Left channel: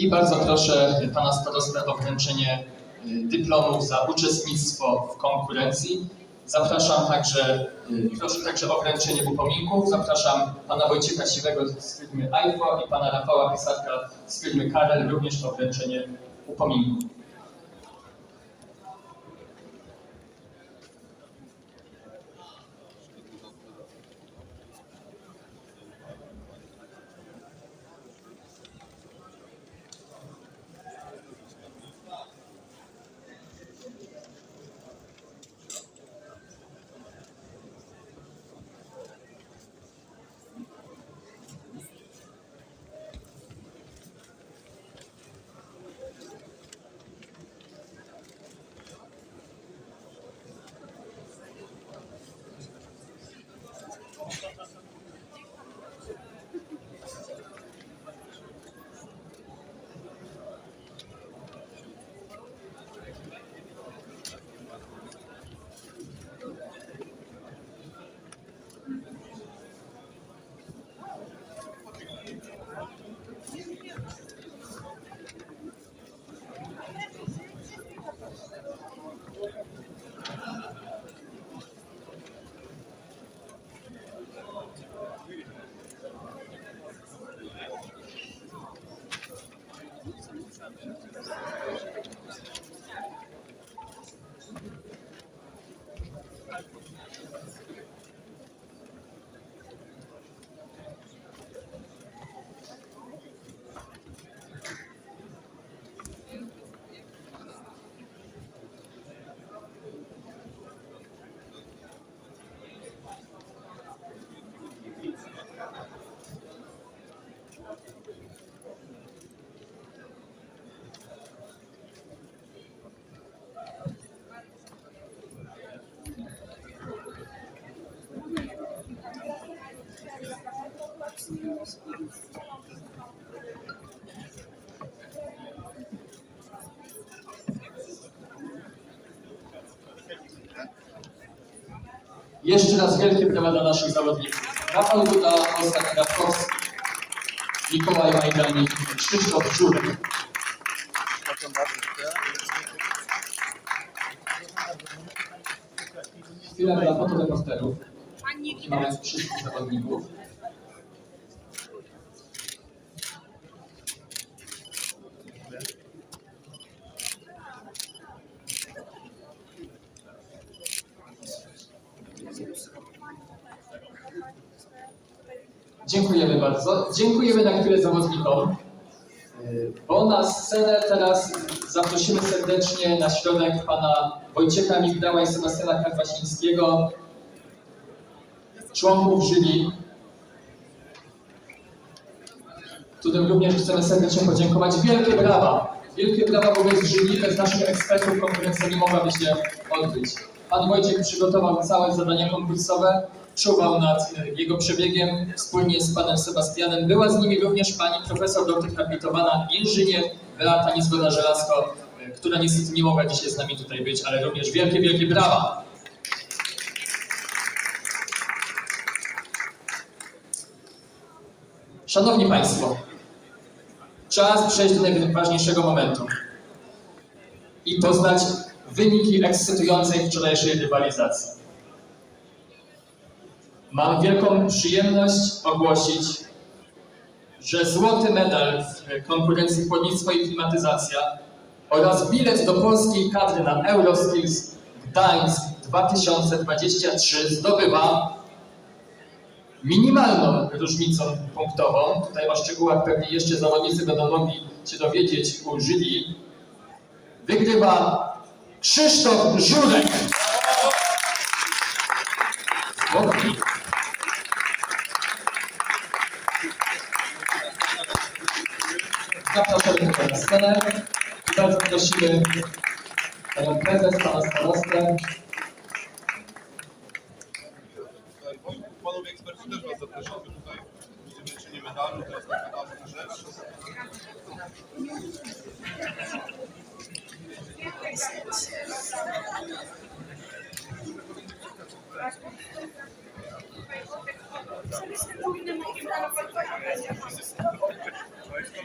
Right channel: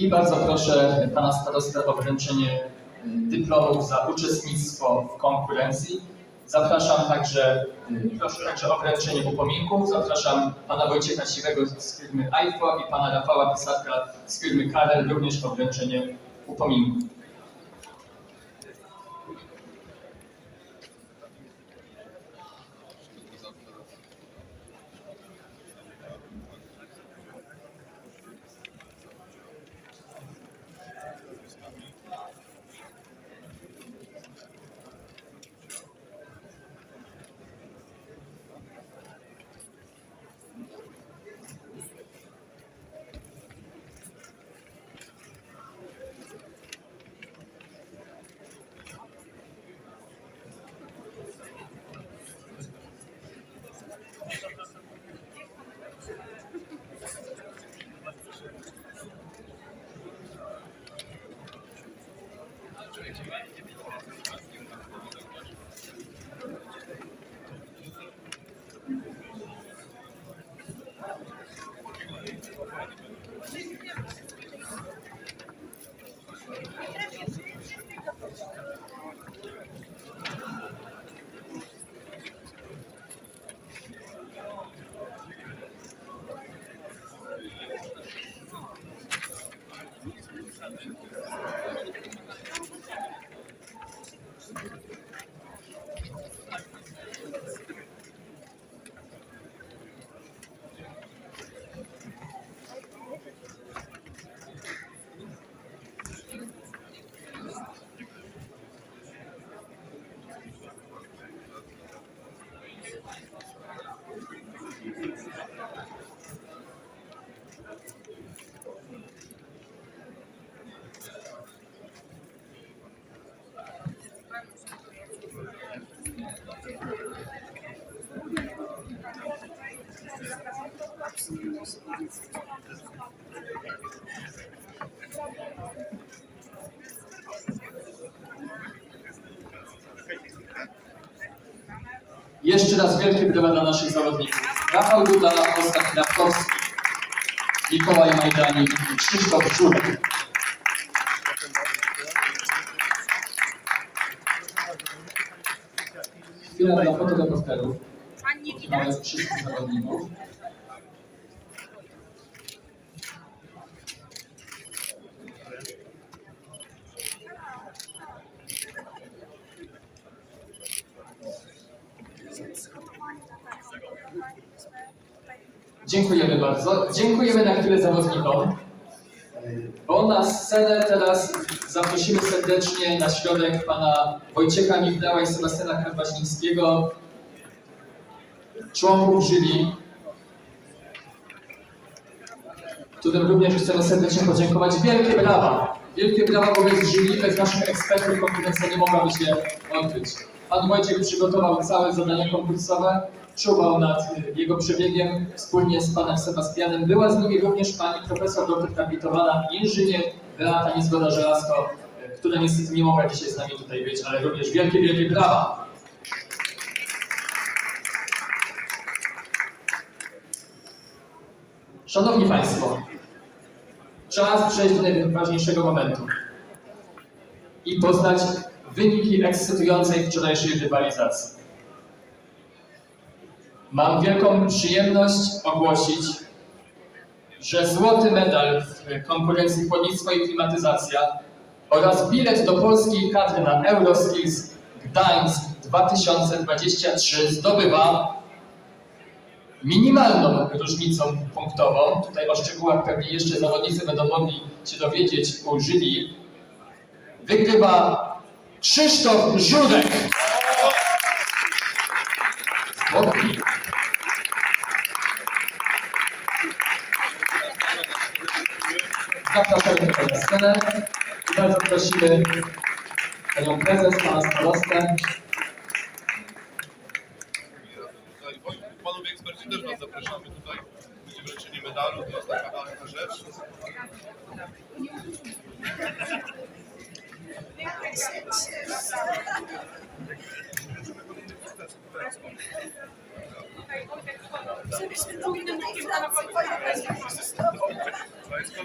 I bardzo proszę pana starostę o wręczenie y, dyplomów za uczestnictwo w konkurencji. Zapraszam także, y, proszę także o wręczenie upominków. Zapraszam pana Wojciecha Siwego z firmy iPhone i pana Rafała Pisarka z firmy Karel również o wręczenie upominków. Jeszcze raz wielkie brawa dla naszych zawodników. Rafał Duda, Oskar Kwiatkowski, Mikołaj Majdanik i Krzysztof Żurek. Chwilę dla fotoreporterów. Mamy wszystkich zawodników. Dziękujemy bardzo. Dziękujemy na chwilę zawodnikom. Bo na scenę teraz zaprosimy serdecznie na środek pana Wojciecha Migdała i Sebastiana Karwasińskiego, członków jury, którym również chcemy serdecznie podziękować. Wielkie brawa! Wielkie brawa wobec jury, bez naszych ekspertów konkurencja nie mogłaby się odbyć. Pan Wojciech przygotował całe zadania konkursowe, czuwał nad y, jego przebiegiem wspólnie z panem Sebastianem. Była z nimi również pani profesor doktor habilitowana inżynier Beata Niezgoda-Żelazko, y, która niestety nie mogła dzisiaj z nami tutaj być, ale również wielkie, wielkie brawa! Szanowni Państwo, czas przejść do najważniejszego momentu i poznać wyniki ekscytującej wczorajszej rywalizacji. Mam wielką przyjemność ogłosić, że złoty medal w konkurencji chłodnictwo i klimatyzacja oraz bilet do polskiej kadry na Euroskills Gdańsk 2023 zdobywa minimalną różnicą punktową. Tutaj o szczegółach pewnie jeszcze zawodnicy będą mogli się dowiedzieć u jury. Wygrywa Krzysztof Żurek. Zapraszamy na scenę i bardzo prosimy panią prezes, pana starostę. Tutaj, panowie eksperci też was zapraszamy tutaj. Będzie wręczenie medalu, to jest taka ważna rzecz. Żebyśmy mogli na najpierw